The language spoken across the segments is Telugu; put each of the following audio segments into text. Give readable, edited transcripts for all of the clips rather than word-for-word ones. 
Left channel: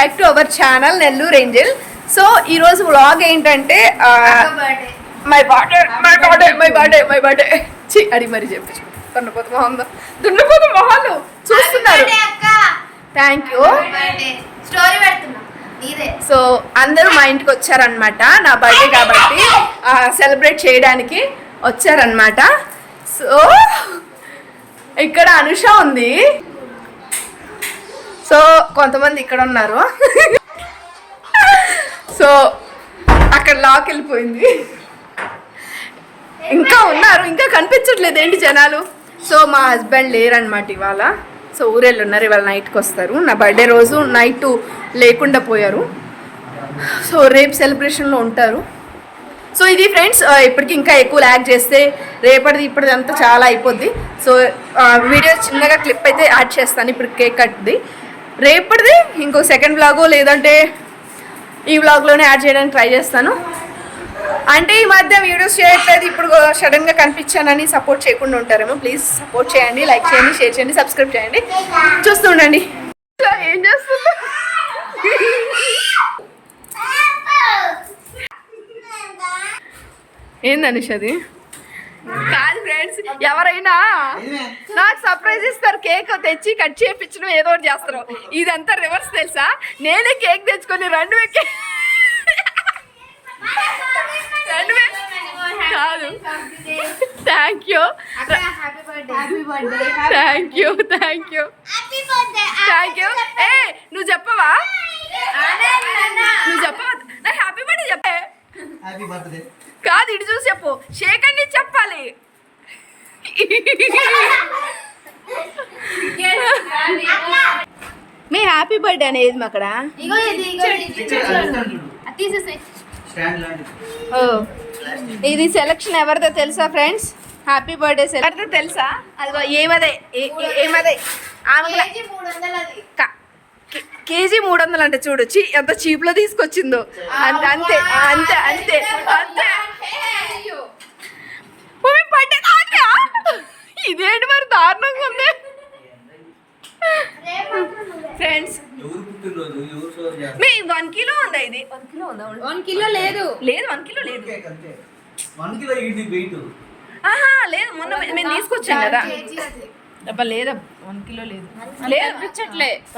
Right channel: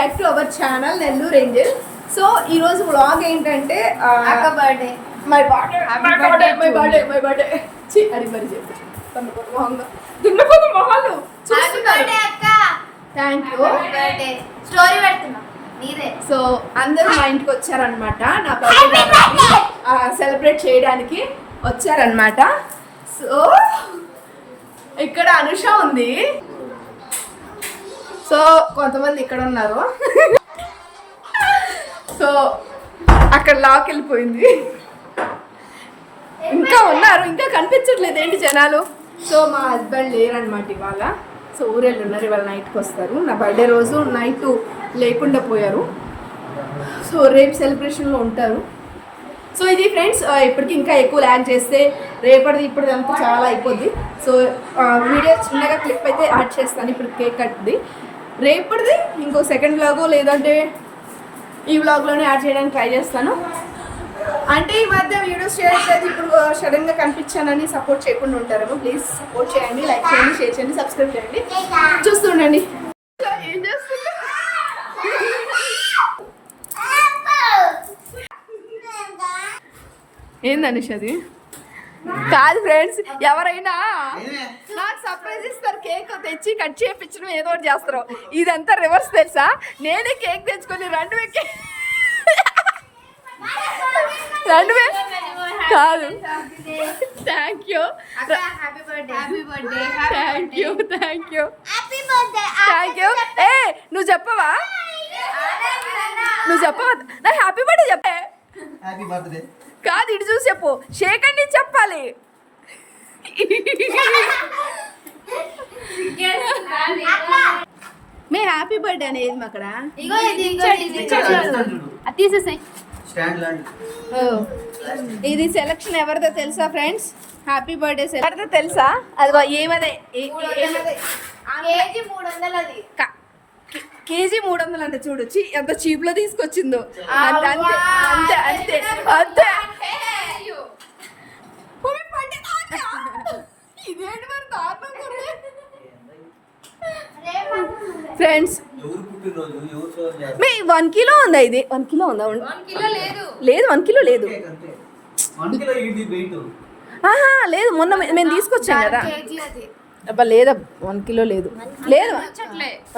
Back to our channel Nellore Angel. So ఈరోజు వ్లాగ్ ఏంటంటే మై బర్త్డే అడిగి మరి చెప్పచ్చు. దున్నపోతు మొహాలు చూస్తున్నారు. Thank you. సో అందరూ మా ఇంటికి వచ్చారనమాట నా బర్త్డే కాబట్టి సెలబ్రేట్ చేయడానికి వచ్చారనమాట. సో ఇక్కడ అనుష ఉంది. సో కొంతమంది ఇక్కడ ఉన్నారు. సో అక్కడ లాక్ వెళ్ళిపోయింది. ఇంకా ఉన్నారు, ఇంకా కనిపించట్లేదు ఏంటి జనాలు. సో మా హస్బెండ్ లేరనమాట ఇవాళ. సో ఊరెళ్ళి ఉన్నారు, ఇవాళ నైట్కి వస్తారు. నా బర్త్డే రోజు నైట్ లేకుండా పోయారు. సో రేపు సెలబ్రేషన్లో ఉంటారు. సో ఇది ఫ్రెండ్స్, ఇప్పటికి ఇంకా ఎక్కువ ల్యాగ్ చేస్తే రేపటిది ఇప్పటిది అంతా చాలా అయిపోద్ది. సో వీడియో చిన్నగా క్లిప్ అయితే యాడ్ చేస్తాను. ఇప్పుడు కేక్ కట్ది రేపటిది ఇంకో సెకండ్ వ్లాగో లేదంటే ఈ వ్లాగ్లోనే యాడ్ చేయడానికి ట్రై చేస్తాను. అంటే ఈ మధ్య వీడియోస్ చేయట్లేదు, ఇప్పుడు సడన్గా కనిపించానని సపోర్ట్ చేయకుండా ఉంటారేమో. ప్లీజ్ సపోర్ట్ చేయండి, లైక్ చేయండి, షేర్ చేయండి, సబ్స్క్రైబ్ చేయండి. చూస్తుండండి ఏం చేస్తుందో. ఏంది అనుష అది? కాదు ఫ్రెండ్స్, ఎవరైనా నాకు సర్ప్రైజ్ ఇస్తారు. కేక్ తెచ్చి కట్ చేయించడం ఏదో ఒకటి చేస్తారు. ఇదంతా రివర్స్ తెలుసా? నేనే కేక్ తెచ్చుకొని రెండువే కాదు. Thank you thank you thank you thank you. ఏ నువ్వు చెప్పవా? నువ్వు చెప్పవా? నా హ్యాపీ బర్త్డే చెప్పే. కాదు ఇటు చూసి చెప్పు. షేక్ అండి చెప్పాలి. మీ హ్యాపీ బర్త్డే అనేది మా అక్కడ ఇది సెలక్షన్ ఎవరిదో తెలుసా ఫ్రెండ్స్? హ్యాపీ బర్త్డే ఎవరిదో తెలుసా? అదిగో ఏమదే ఏమదే కేజీ 300 అంటే చూడు. ఎంత చీప్లో తీసుకొచ్చిందో. అంతే అంతే అంతే అంతే అంతే. ఇదేంటి మరి దారుణంగా ఉంది ఫ్రెండ్స్. 1 కిలో ఉందా? ఇది 1 కిలో ఉందా? 1 కిలో లేదు లేదు 1 కిలో లేదు. లేదు మొన్న మేము తీసుకొచ్చాం కదా. అబ్బా లేదా 1 కిలో లేదు లేదు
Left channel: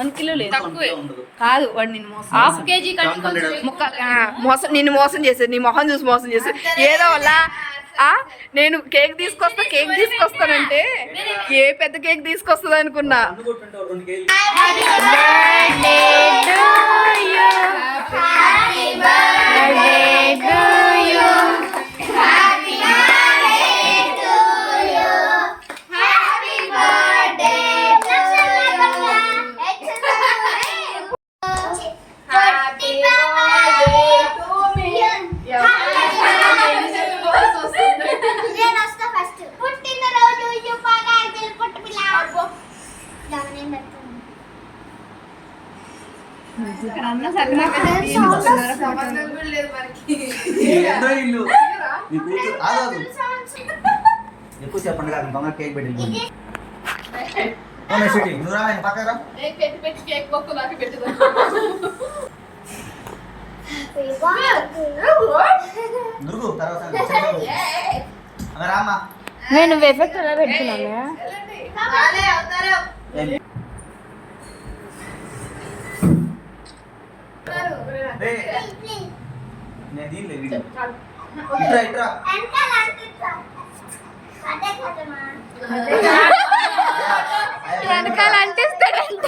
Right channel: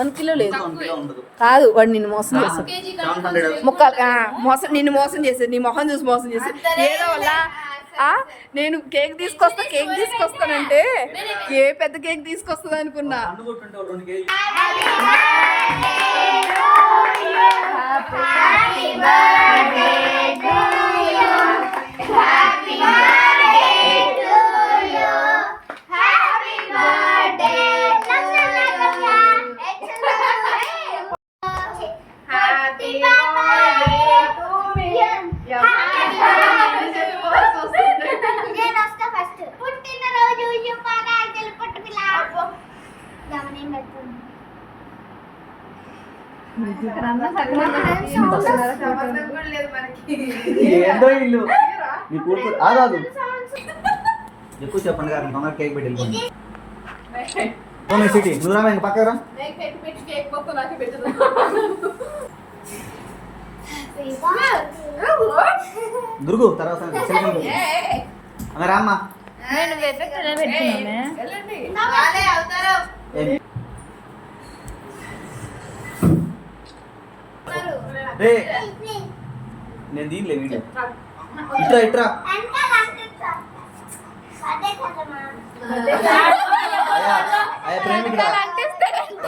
1 కిలో లేదు. కాదు వాడు నిన్ను మోసం నిన్ను మోసం చేసేది. నీ మొహం చూసి మోసం చేసేది ఏదో వల్ల. నేను కేక్ తీసుకొస్తానంటే ఏ పెద్ద కేక్ తీసుకొస్తుంది అనుకున్నా. ఎక్కువ చెప్పండి కదా దొంగ కేక్ పెట్టి పక్కరా దుర్గు తర్వాత రామ్మా. నేను ఎఫెక్ట్ ఎలా పెట్టుకున్నానే? నేను దీనిలే వీడియో ఇట్రా ఇట్రా వెనకాల అంటిస్తాడంట.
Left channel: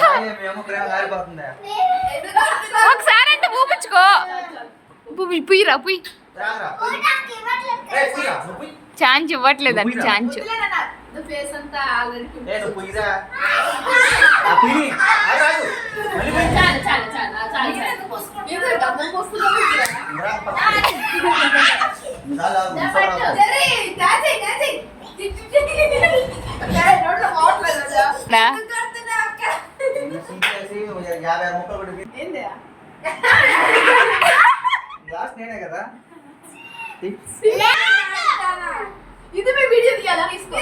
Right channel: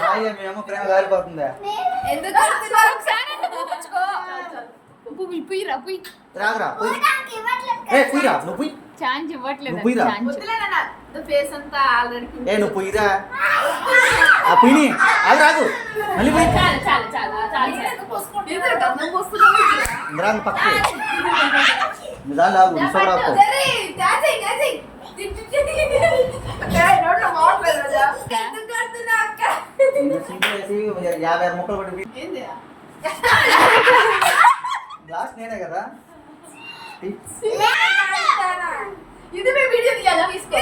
ఒకసారి అంటే ఊపించుకో. పుయ్యిరా పుయ్యి. ఛాన్స్ ఇవ్వట్లేదు అండి. ఛాన్స్ నేనే కదా. ఇది మీ వీడియో తీయాలా? తీసుకో.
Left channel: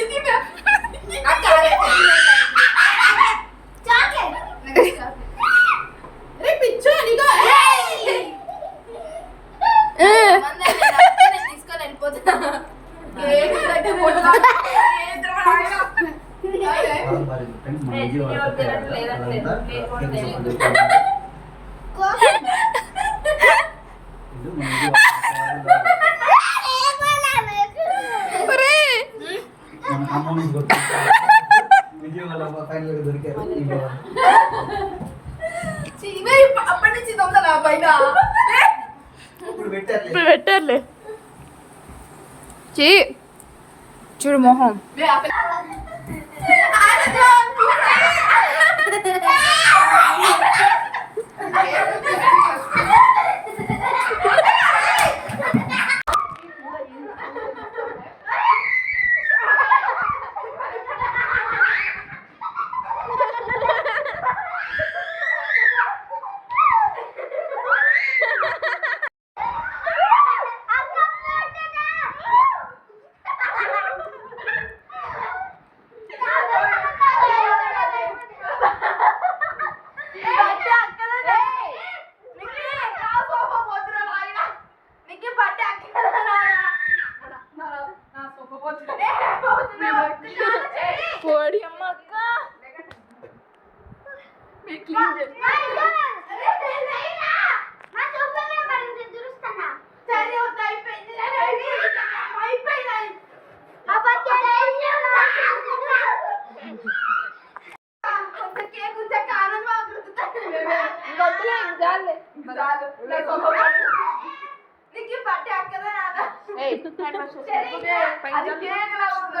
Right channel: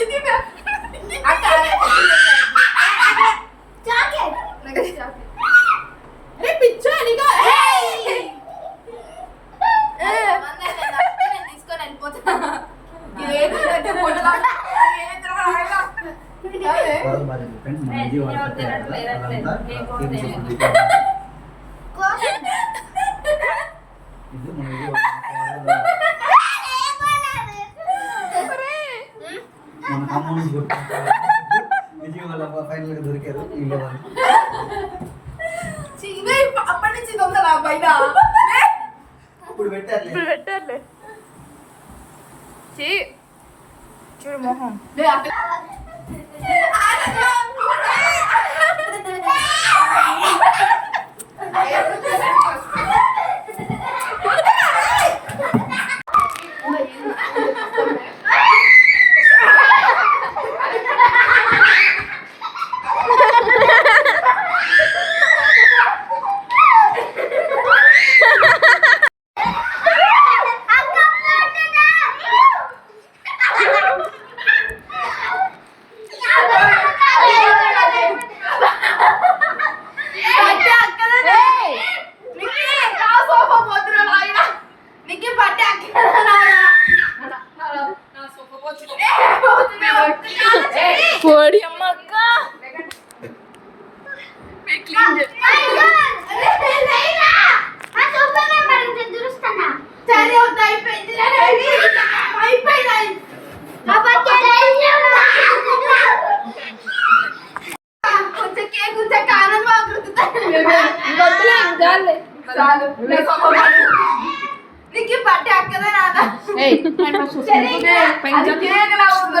ఇది అక్క ఫ్రెండ్స్ మన విజయవాడ మన ఖమ్మం నుంచి విజయవాడ ఫైనల్గా దొరికారు ఇంట్లో అప్పటి నుంచి దొంగలా పైన ఇప్పుడు పెట్టారు పెట్టారులే చీ చూడు మొహం పొడి అమ్మ అక్క నీకు పట్టే అక్కదా రాదా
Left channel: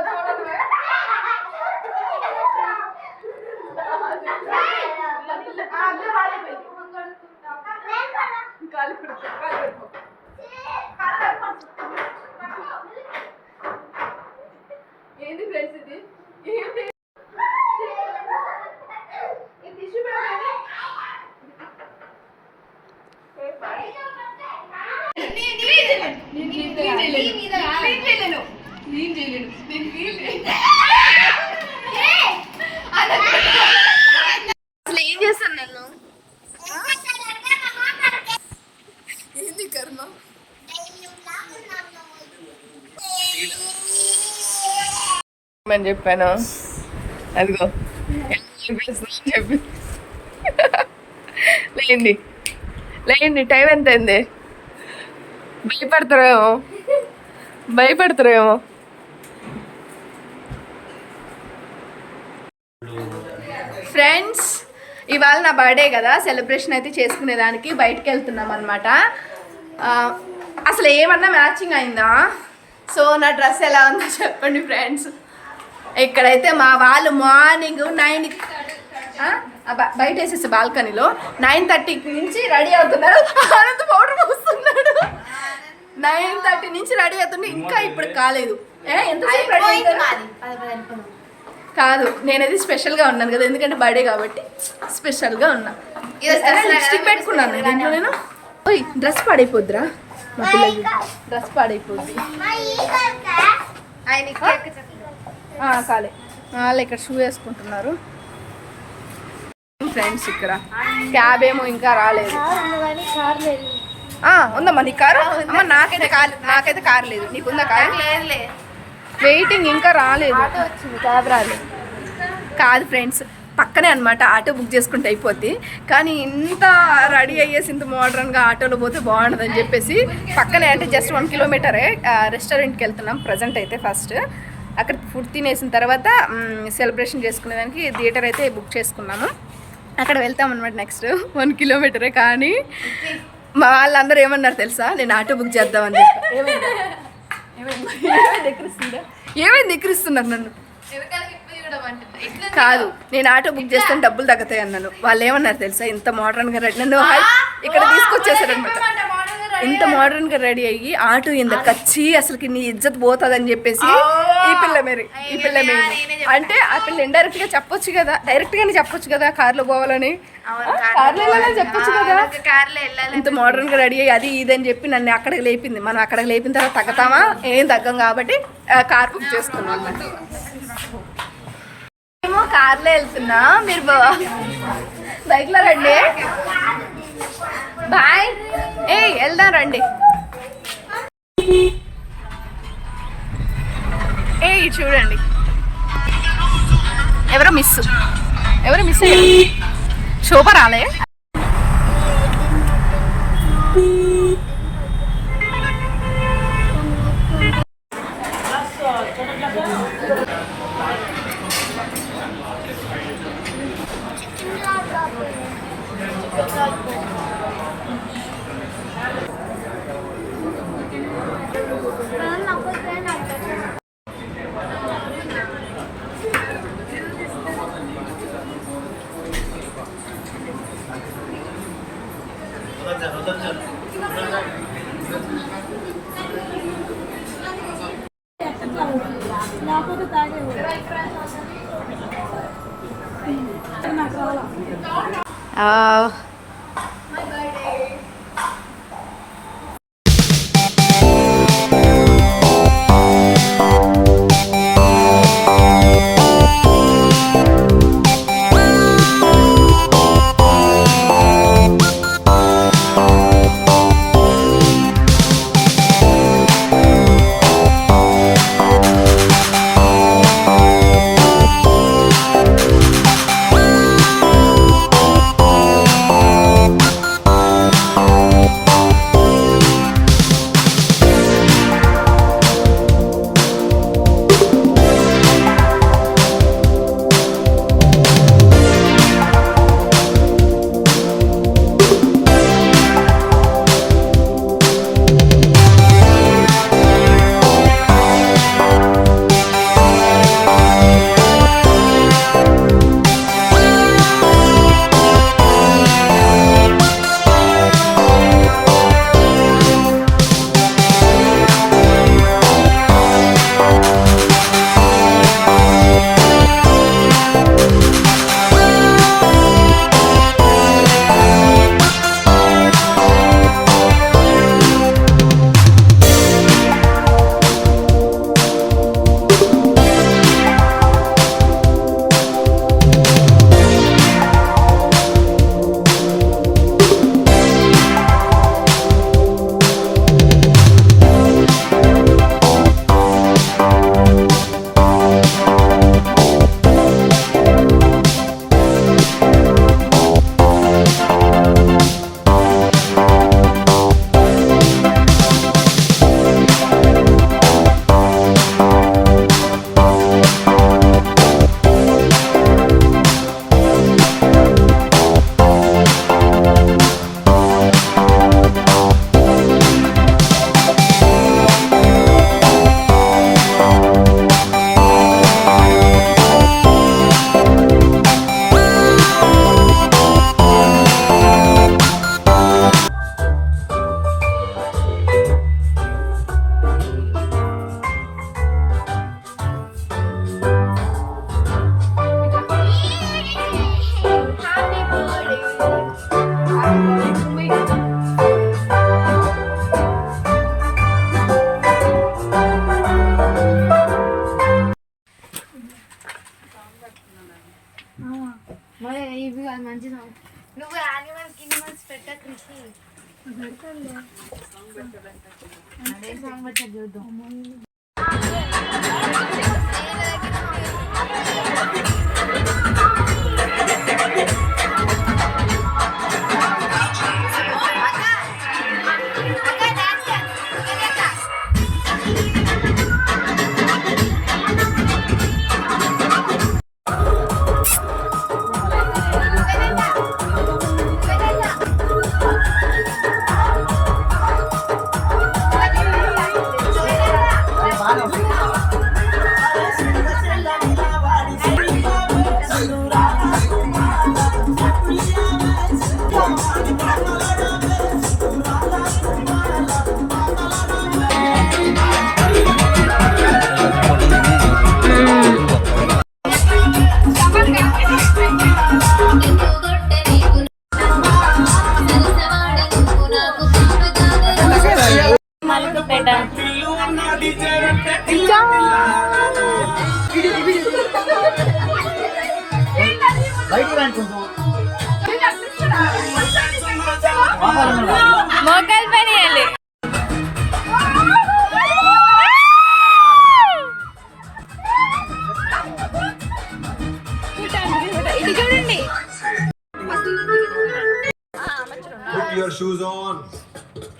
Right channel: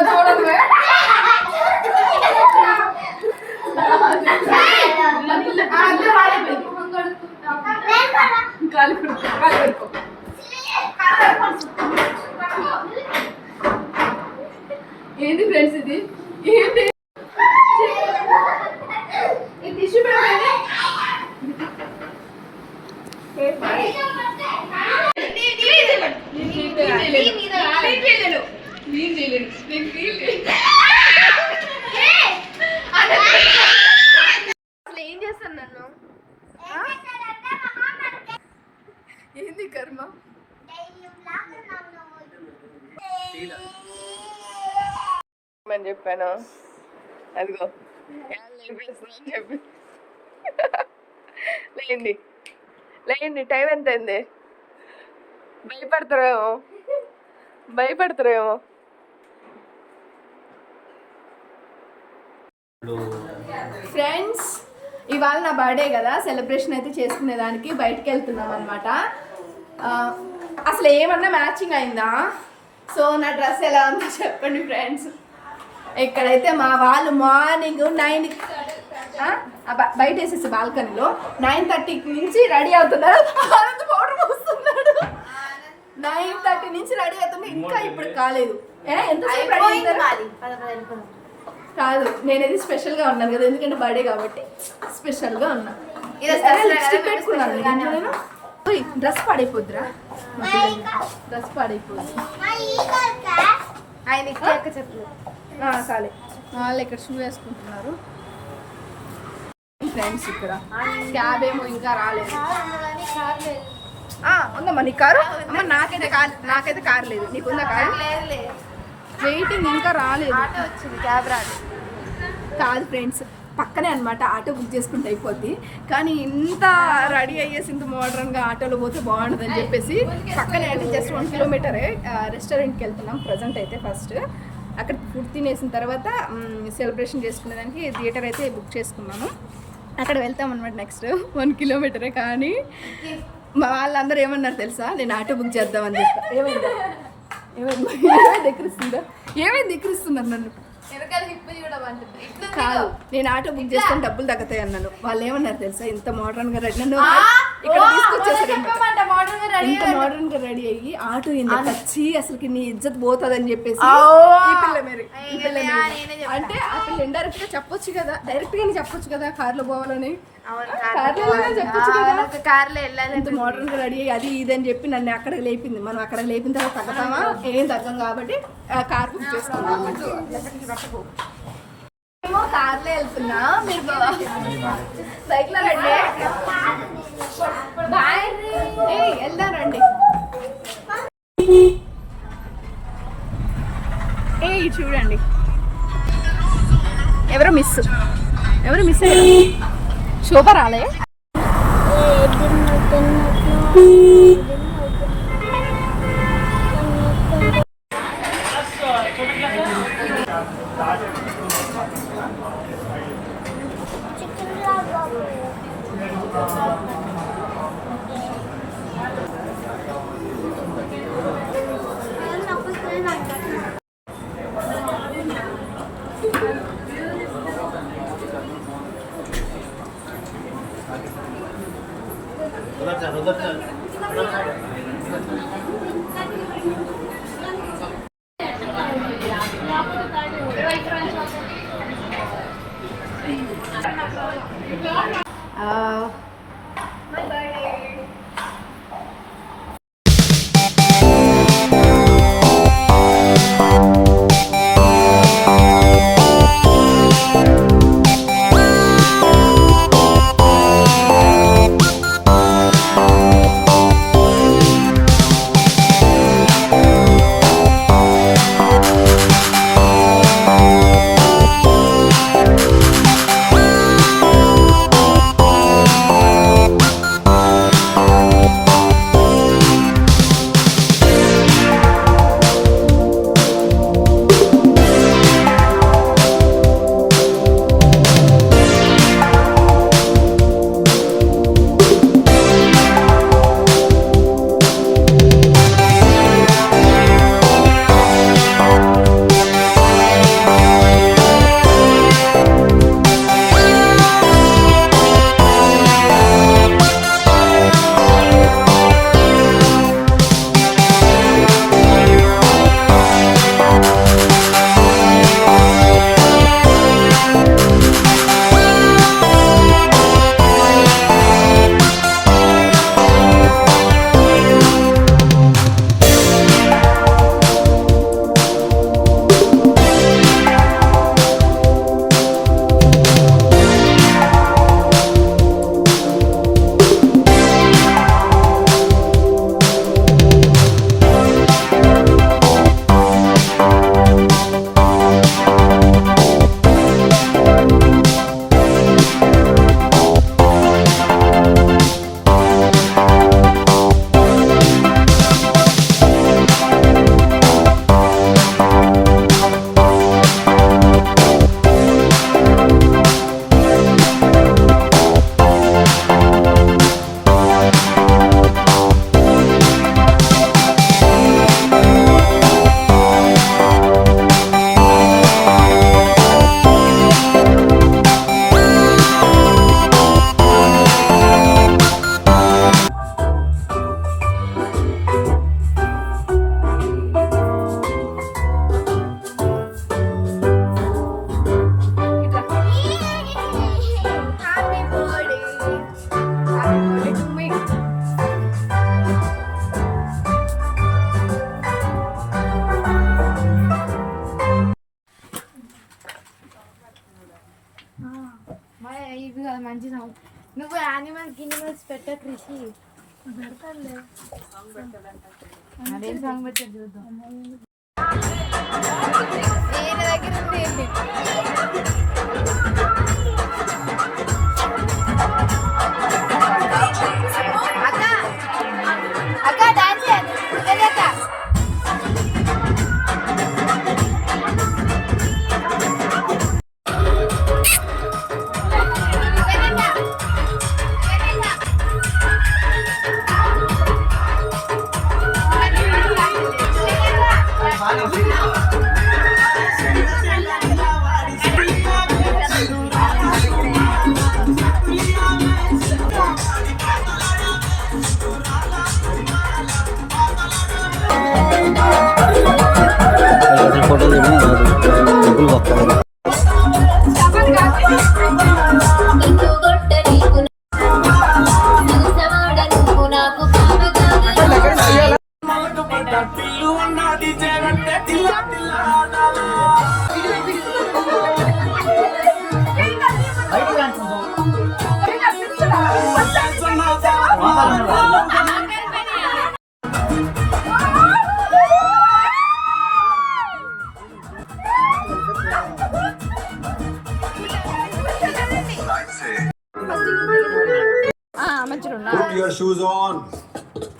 చూడదు ఏంది ఫ్రెండ్స్ ఇది ఏంటి టిష్యూ అసలు ఏం చేస్తాను నన్ను ఏంది కర్మ అని చెప్పాను అదిగో అని చెప్పి లేండి లేండి టైం ఎంత అయింది భయపడతారేమో ఫ్రెండ్స్ ఇవాళ నా బర్త్డే కదా సెలబ్రేషన్ అయితే చేసుకునేదానికి బయటకు వెళ్తున్నాం అనమాట అసలు ఏమన్నా మ్యాచింగ్ అయిందా సో నా డ్రెస్ ఎలా ఉందో చెప్పండి ఫ్రెండ్స్ ఇక్కడైతే మా వాళ్ళు మార్నింగ్ 9 బయట వేసేసి బాల్కనీలో 9:30 నుంచి రెడీ అవుతున్నారు పౌడర్ పోస్తున్నాడు 9:30 నుంచి రెడీ అవుతుండే ఇంకా ఇప్పుడు కాలేదు ఎంతసేపు రెడీ అవుతారు కాదు నేనైతే స్పెషల్గా ఉన్నాను కదా ఎందుకంటే బర్త్డే కాబట్టి స్పెషల్గా ఉన్నా లిప్స్టిక్ పెట్టుకున్నాను దీంట్లో నేను ఓయ్ డ్రెస్ పాడైపోద్దిరా డ్రెస్ పాడైపోద్ది కాలే వాళ్ళు ఇక్కడ షూ వేసుకుంటున్నారు ఫ్రెండ్స్ ఇక్కడ క్యాబ్ ఏమో ఇంకా రాలేదు ఉందమ్మా నీ కారు అమ్మ నాకైతే కారు లేదు నీకుందా కారు వెయిటింగ్ ఇంకా రాలేదు క్యాబ్ రాలేదు కాదు ఫ్రెండ్స్ పక్కనే అనమాట ఆటో బుక్ చేసుకుంటే అయిపోద్ది కానీ ఇంత రెడీ అయ్యేసి ఇంత మోడర్న్గా ఆటోలో పోతే బాగుండదని చెప్పేసి పక్కనే అంటే జస్ట్ 1 కిలోమీటరే రెస్టారెంట్కి వెళ్తున్నాం ప్రజెంట్ అయితే ఫస్ట్ అక్కడ ఫుడ్ తినేసిన తర్వాత సెలబ్రేషన్ చేసుకునేదానికి థియేటర్ అయితే బుక్ చేసుకున్నాము అక్కడ వెళ్తాం అనమాట నెక్స్ట్ 1 కిలోమీటరే కానీ మా వాళ్ళందరూ ఏమన్నారు తెలుసా నేను ఆటో బుక్ చేద్దామని చెప్పి ఏమైంది ఎక్కిరిస్తున్నారు నన్ను కాదు నేను ఆటో బుక్ చేస్తాను డబ్బులు తగ్గుతాయి అన్నాను వాళ్ళు ఏమన్నారు తెలుసా ఇంత మోడర్న్గా రెడీ నన్ను ఇక్కడ తీసుకొచ్చేసారనమాట ఇంత మోడర్న్గా రెడీ అయ్యి ఆటో ఇంత కచ్చి అసలుకి నీ ఇజ్జత్ పోతుందని చెప్పేసి ఈ పిల్ల మేరీ అంటే ఆ పిల్ల ఇండైరెక్ట్గా చెప్పొచ్చు కదా డైరెక్ట్గానే చెప్పొచ్చు కదా కార్లో పోవాలని కార్లో వెళ్ళాలని చెప్పొచ్చు కదా ఇంత మోడర్న్గా రెడీ అయ్యి అది ఇది అని చెప్పి నన్ను అక్కడికి లేపింది మనం అక్కడికి లేపిన తర్వాత తగ్గుతామా ఏం తగ్గం కాబట్టి కార్ బుక్ చేసుకున్నాం అన్నమాట ఏమో కార్లో వెళ్తున్నా మీరు బైక్లో రండి బాయ్ వెళ్దాం రండి చూడండి ఎవరో మిస్ ఎవరు మిస్ అయ్యారు? శోభ రాలే. ఇవి కాదు మంచి నువ్వు యానిమల్స్ పెట్ట కృషి అదే సాంగ్ పెట్ట చూద్దాం. మోకాలు పని ఇది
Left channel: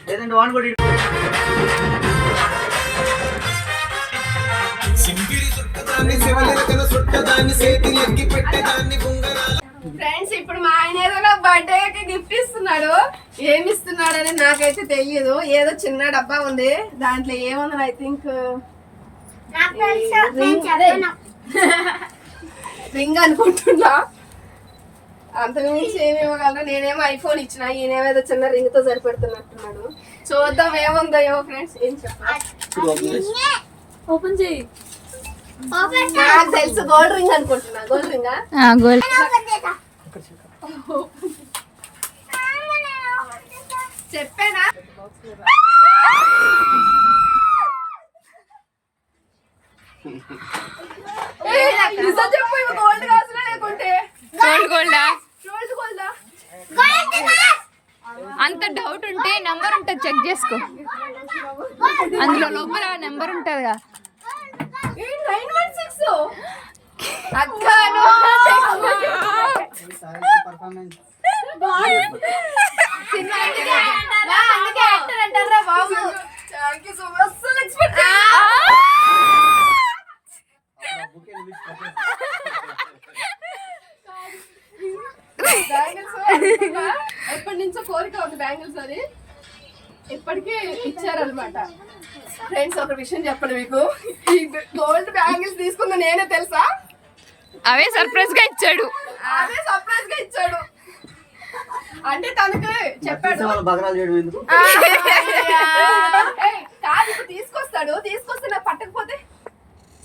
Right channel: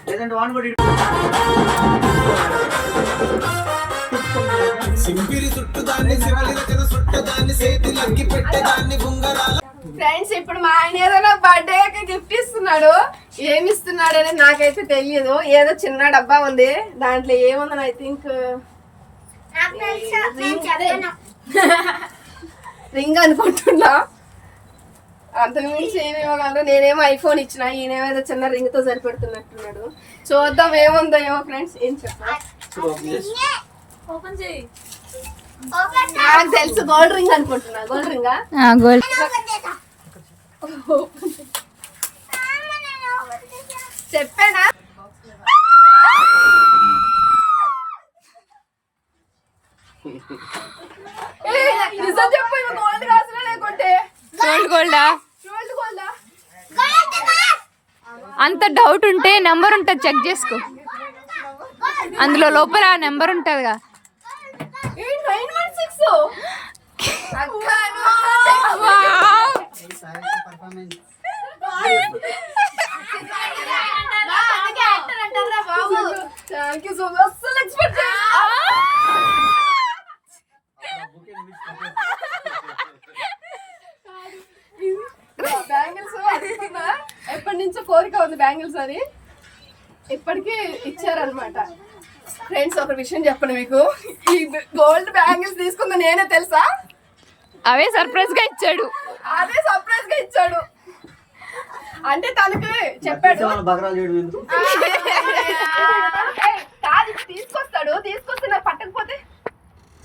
లేదంటే వాన్ కూడా ఫ్రెండ్స్ ఇప్పుడు మా ఆయన ఏదో బర్త్డే గిఫ్ట్ ఇస్తున్నాడు. ఏమి ఇస్తున్నాడు అనేది నాకైతే తెలియదు. ఏదో చిన్న డబ్బా ఉంది, దాంట్లో ఏముందని ఐ థింక్ రింగ్ అనుకుంటున్నా. అంతకుమించి ఏమి ఇవ్వగలరు. నేనేమో ఐఫోన్ ఇచ్చిన, ఈయనేమో చిన్న రింగ్ తో సరిపెడుతున్నట్టున్నాడు. చూద్దాం ఏముందో ఏమో ఫ్రెండ్స్. ఏం చెప్పాలి, ఓపెన్ చేయి. నాకు తెలుసు గోల్డ్ రింగ్ అనుకుంటున్నా. గోల్డ్ రింగా? గోల్డ్. చెప్పానా? నిజం చెప్పు, ఇవి గోల్డ్ కాసులా లేకుంటే గోల్డా? గోల్డ్ గోల్డా? అంత డౌట్ ఉంటే నెంబర్ ఉంటుంది, చెక్ చేసుకో. అందులో లోపల నెంబర్ ఉంటుందిగా. 916 అక్కను థ్యాంక్ యూ సో మచ్. అసలు ఎక్స్పెక్ట్ బ్యాంగిల్స్ అనుకున్నా, ఎప్పటి నుంచో కోరిక ఉంది బ్యాంగిల్స్ అని, ఇప్పటికీ ఇచ్చారనమాట. ఫ్రెండ్స్ ఒక విషయం చెప్పను మీకు, ఈ గోల్డ్ బ్యాంగిల్స్ తీసుకుంది నేనే తెలుసా. అవే సర్ప్రైజ్ గా ఇచ్చాడు. అదే సర్ప్రైజ్ గా ఇచ్చాడు. అంటే తనకి చెప్పాడు బగరాలు చేయడం ఎందుకు? ఏయ్, కాదు ఇప్పుడు తీసుకొస్తే నాకు పట్టకపోతే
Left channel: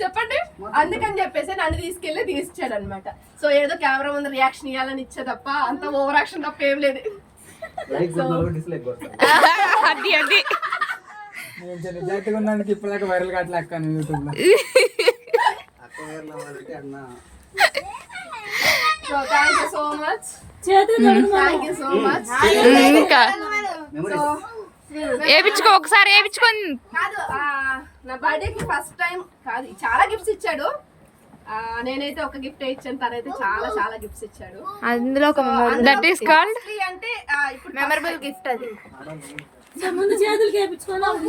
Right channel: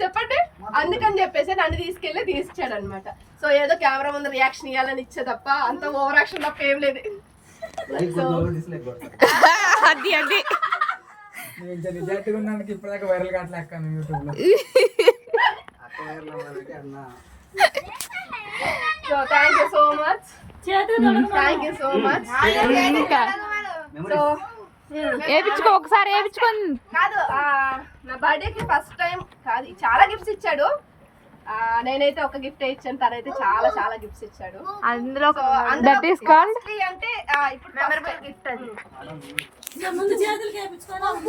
చెప్పండి. అందుకని చెప్పేసి నన్ను తీసుకెళ్ళి తీసిచ్చాడు అనమాట. సో ఏదో కెమెరా ముందు రియాక్షన్ ఇవ్వాలని ఇచ్చే తప్ప అంత ఓవర్ యాక్షన్ తప్ప ఏం లేదు. అది అది నిజాయితీగా ఉన్నానికి ఇప్పటిదాకా వైరల్ కావట్లేక యూట్యూబ్ లో. So thank you so much. Thank you so much. ఇంకా సో వేపించుకో, ఒకసారి వేపించుకొని. కాదు నా బర్త్డేకి ఫస్ట్ టైం కాదు, చాలా గిఫ్ట్స్ ఇచ్చాడు. నేనైతే ఒక గిఫ్ట్ ఇచ్చాను, తనైతే చాలా చాలా గిఫ్ట్స్ ఇచ్చాడు. అందులో దట్ ఈస్ కాల్డ్ అంటే ఇప్పుడు మెమరబుల్ గిఫ్ట్ అది. ముందు చేతులకి వేయించుకోవాలి.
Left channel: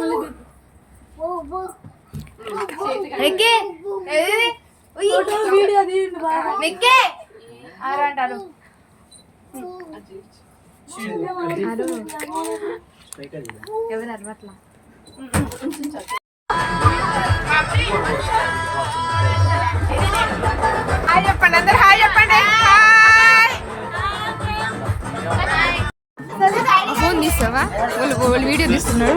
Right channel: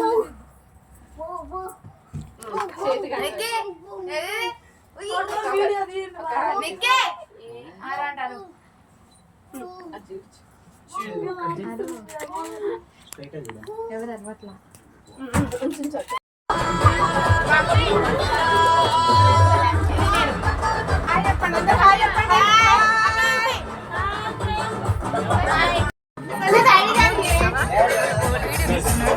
ఎవరు అరవట్లా. హాయ్ చెప్పండి అందరు, హాయ్ చెప్పండి. వీడియో తీస్తున్నాడు.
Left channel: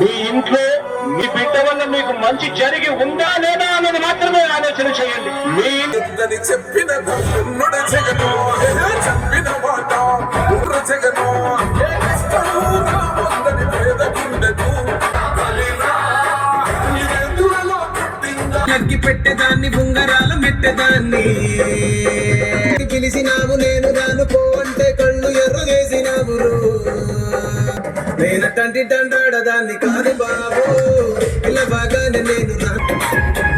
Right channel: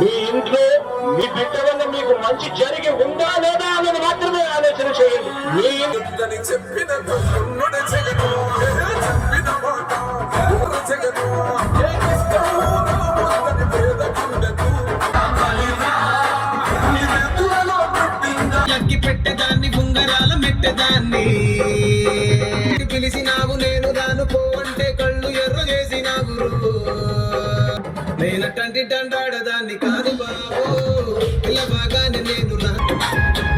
మీ ఇంట్లో మీ బిడ్డ వల్ల మీకు మంచి జరిగి ఉందా లేదా అనేది మాత్రమే ఆలోచన చేయండి. మీ చెప్పిన అగ్గి పెట్టేదాన్ని, ఉంగరాల మెట్టేదాన్ని, పిలిసినావు నేను రాను పో అంటే కళ్ళు ఎర్ర చేసినావు. నేనటంటి దండాడదాన్ని కాదు బాబు, ఇలా బాగానే నేను రాల బాబు.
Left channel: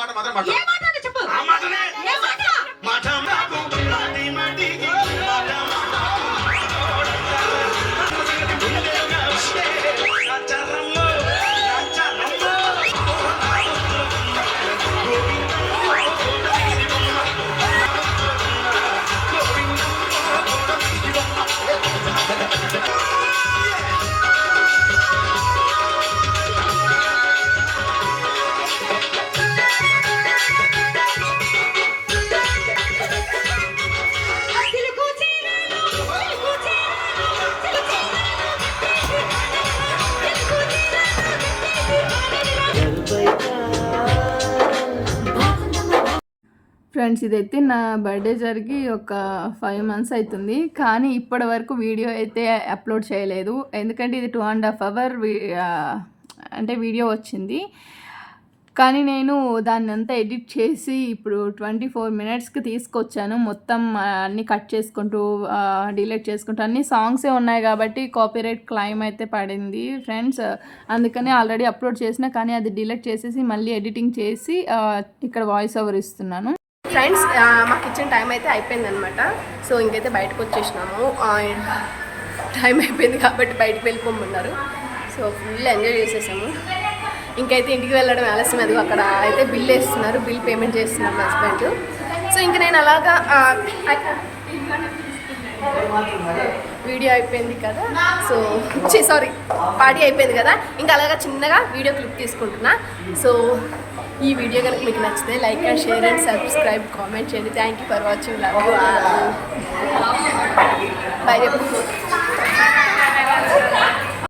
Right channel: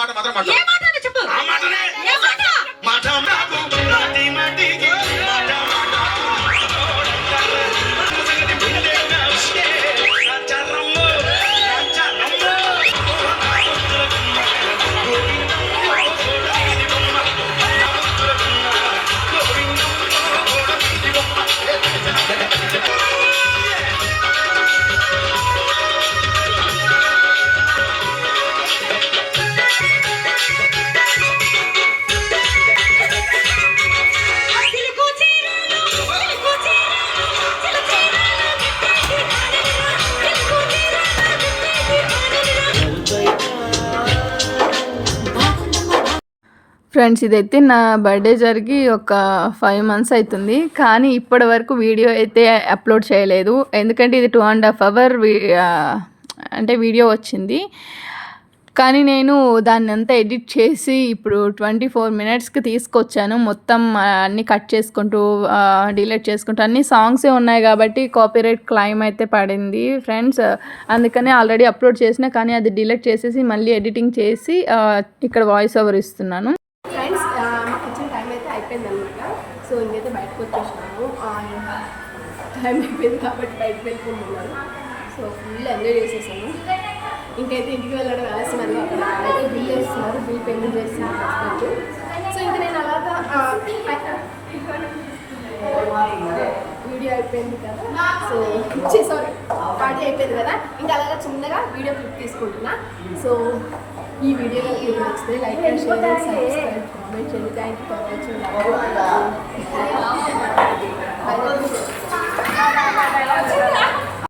మాట మాత్రం మాట్లాడు. ఆ మాటనే. మాట నాకు నాటి మాటికి మాట మాట. సంగతి ముందేగా వస్తే రాచారమ్మో, రాచారమ్మో. ఫ్రెండ్స్, ఇదైతే నా బర్త్డే జరిగి ఒక 5 months అవుతుంది, కానీ ఇప్పటి వరకు వీడియో అయితే అప్లోడ్ చేయలేదు. ఎందుకంటే ఇది 2.5 hours అంటే వీడియో వచ్చింది, కానీ నేను దాన్ని అంతా ఎడిట్ చేసి ఇప్పుడు 24 minutesకి తీసుకొచ్చాను. మొత్తం అన్నీ కట్ చేసుకుంటూ డిలీట్ చేసుకుంటూ అన్ని సాంగ్సే ఉన్నాయి కాబట్టి కాపీరైట్ క్లెయిమ్ అయితే పడింది ఫ్రెండ్స్. అందుకని ఆల్రెడీ అప్లోడ్ చేసిన, కానీ అది డిలీట్ చేసేసి మళ్ళీ ఎడిటింగ్ చేసి ఇక్కడ వాయిస్ ఓవర్ ఇస్తున్నాను. ఫ్రెండ్స్, మాకు ఇచ్చిన టైం అయితే అయిపోయిందనమాట. సో ఇంకైతే బయటకు వచ్చేసినాము. టైం అయిపోయింది కాబట్టి బయటకు వెళ్ళిపోమన్నారు. సో ఫుల్ ఎంజాయ్ చేసేసాము. ఇంకైతే ఇంటికి వెళ్ళడం ఆలస్యం. అది అక్కడ అయితే బిల్ వేస్తున్నారు, బిల్ పేమెంట్ చేస్తున్నారు మా హస్బెండ్. సో ఇంక నేను అలాగా వీడియో అయిపోయింది కదా, సో సారీ పార్టీ అయిపోయింది కదా, ఇంకా అలాగా చిన్నగా వీడియో క్లిప్ తీసుకుంటున్నా. సో ఈ వీడియో కనుక మీకు నచ్చితే like and share and subscribe, comment చేయండి. Thank you for watching. Love you. By.